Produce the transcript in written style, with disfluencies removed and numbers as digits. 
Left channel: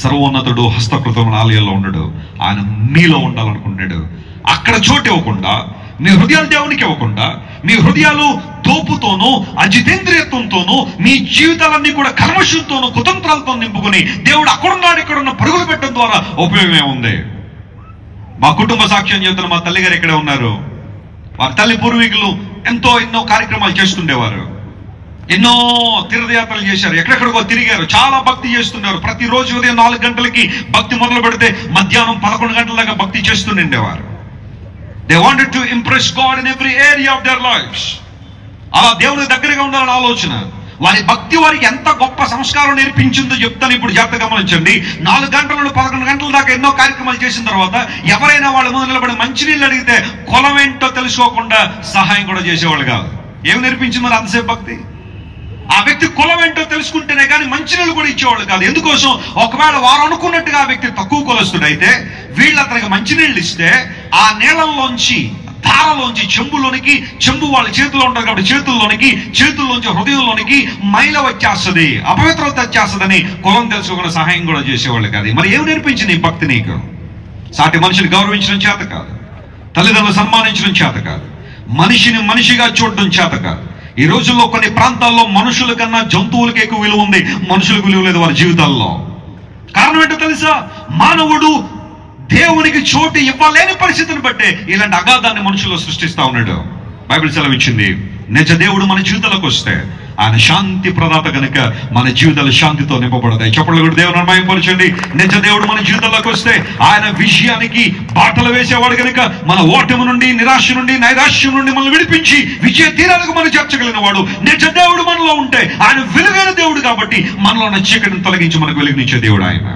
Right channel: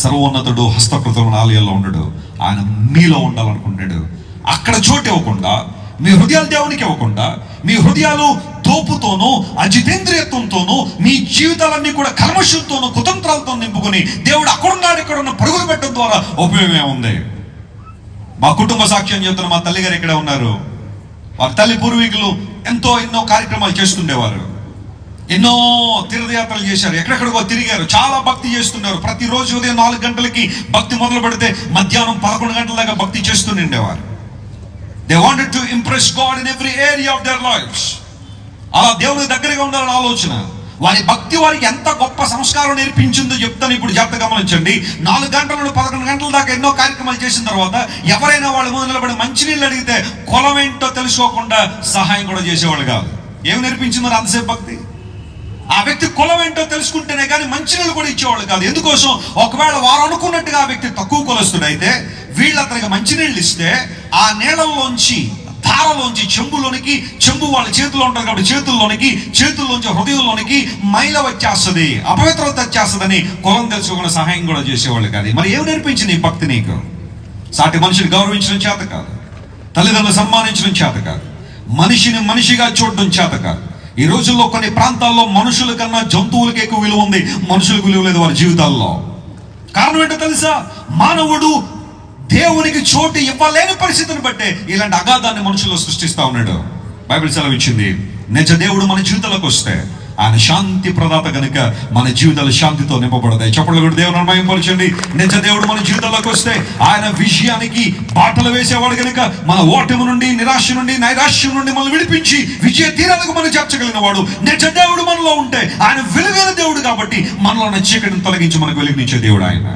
సర్వోన్నతుడు హస్తకృతమైన ఆలయాల్లో ఉండడు. ఆయన మీలో ఉండాలనుకుంటున్నాడు. అక్కడ చోటు ఇవ్వకుండా, మీ హృదయాలు దేవునికి ఇవ్వకుండా, మీ హృదయాలు తోపుతోనూ అజితేంద్రియత్వంతోనూ మీ జీవితాలన్నీ కూడా కల్మషంతోనూ కుతంత్రాలతో నింపుకొని దేవుడు అక్కడున్నాడు ఇక్కడున్న పరుగులు పెట్టడం ద్వారా ఉపయోగం ఏముంది? మా కుటుంబ సాక్ష్యం చెబుతున్న మా తల్లిగారు ఇక్కడే ఉన్నారు. వారి తల్లి పూర్వీకులు ఎన్నో కార్యక్రమాలు చేస్తుండేవారు. ఎన్నో తీర్థయాత్రలు చేశారు, ఎక్కడెక్కడికో తిరిగారు, చాలా భక్తి చేస్తున్నారు. ప్రతిరోజు ఉదయం 4 గంటలకి భక్తి మొదలు పెడితే మధ్యాహ్నం 11 గంటల దాకా భక్తి చేస్తుండేవారు. They wanted to impress God in every area of their lives. అలా దేవుని దగ్గరగా ఉండాలని ఆలోచన. వారి భక్తి వారికి ఎంత గొప్ప సంస్కారం నేర్పించిందో చెప్తాను. ఇప్పుడు జాగ్రత్త గమనించండి. 4 గంటల నుండి 11 గంటల దాకా ఎన్నో కార్యక్రమాలు చేసిన తర్వాత ఎవరైనా వాళ్ళ ముందు నిలబడి మంచినీళ్ళు అడిగితే కులం ఏంటో తెలుసుకోకుండా సహాయం కూడా చేసేవాళ్ళు కాదు. ఏమి నేర్పించిందో అంతసేపు భక్తి? ఆ వ్యక్తి కులం ఏంటో తెలుసుకుంటేనే కానీ మంచినీళ్ళు కూడా ఇచ్చేవాళ్ళు కాదు. ఎందుకోసం? ఒకవేళ వారు అనుకున్నట్టుగా ఆ వ్యక్తి తక్కువ కులస్తుడు అయితే వీళ్ళు అతనికి మంచినీళ్ళు ఇస్తే ఆ నీళ్ళల్లోంచి, ధారలోంచి చెంబు వాళ్ళ చేతిలో ఉంటుంది కాబట్టి చేతుల్లోంచి హృదయంలోనికి మైల వచ్చేస్తుంది, అపవిత్రత వచ్చేస్తుందని కులం తెలుసుకోకుండా సహాయం కూడా చేసేవాళ్ళు కాదు. మరి ఏమి నేర్పించింది ఈ భక్తి నీకు? సాటి మనిషిని గౌరవించడం చేత కాదు, తల్లిదండ్రులు సన్మానించడం చేత కాదు, మనిషిని మనిషిగా చూడడం చేత కాదు. ఈ రోజుల్లో కొన్ని ప్రాంతాల్లో మనుషుల కన్నా జంతువులకి ఎక్కువ విలువ ఉంది, మనుషులకు విలువ లేదు వారి జీవితాల్లో. కారణం ఏంటో తెలుసా? మానవుడు దేవునికి చోటు ఇవ్వలేని పరిస్థితిని బట్టే ఇలాంటి అగాధాన్ని మనుషుల్లో సృష్టిస్తా ఉన్నాడు. బైబిల్ సెలవిచ్చింది, నిజ దేవుడు మన జీవితాలకు వస్తే ఆయన శాంతి ప్రదాత కనుక మన జీవితాలు శాంతితో నింపబడతాయి. చెప్పండి కూడా దేవుని మహిమపరచండి. నిజ దేవుడు మన జీవితాల్లోకి వస్తే ఆయన విజయానికి బాటలు వేసేవాడు కనుక మన ఓటమి నుండి, నిరాశ నుండి, నైరాశ్యం నుండి మనల్ని విడిపించి విజయ తీరాలకు మనం చేర్చగలిగిన వాడు. నిజ దేవుడు మనలో ఉంటే ఆయన వెలుగైన దేవుడు కాబట్టి మనలో ఉన్న చీకటిని తొలగించి మనకు వెలుగునిచ్చే దేవుడు ఆయన.